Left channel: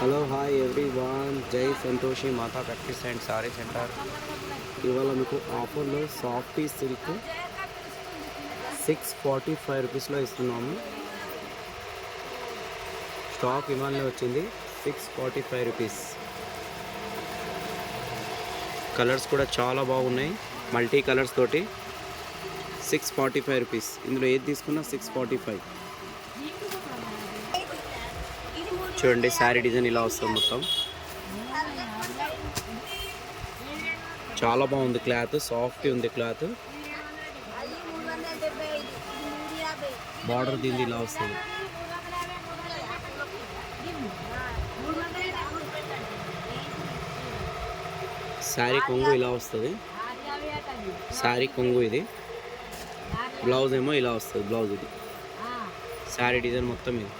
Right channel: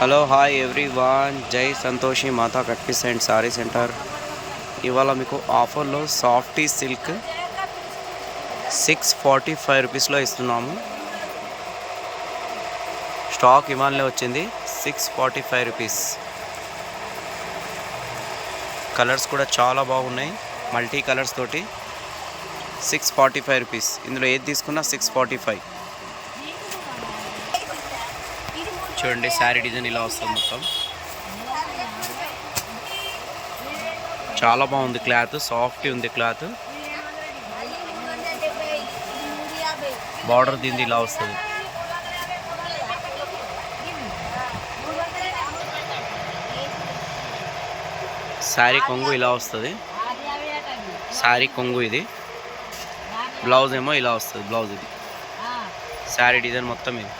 Hello hi everyone, Jai Santoshi Mata cut piece and sari centre. ఇవాళ మీకు ఆఫర్లో సాఫ్టీ సిల్క్ 645 రూపీస్లో ఇస్తున్నాము. స్టాక్ ఇవాళనే వచ్చింది. 645 రూపీస్. కలర్స్ కూడా చాలా బాగున్నాయి, మల్టీ కలర్స్ తోటి. 645 రూపీస్. ఇందులో ఏది తీసుకున్నా 645. చూడండి, శారీ డిజైన్ ఇలా వస్తుంది. మొత్తం చాలా బాగుంది. క్లాత్ సాఫ్ట్ ఉంది. క్లాత్ బార్డర్ దీనిది ఇలా వస్తుంది. శారీ కొంగు ఇలా వస్తుంది. శారీ కొంగు ఇది. బ్లౌజ్ ఏమో ఇలా వస్తుంది. బ్లౌజ్ ఇది. శారీ డిజైన్ మొత్తం ఇది.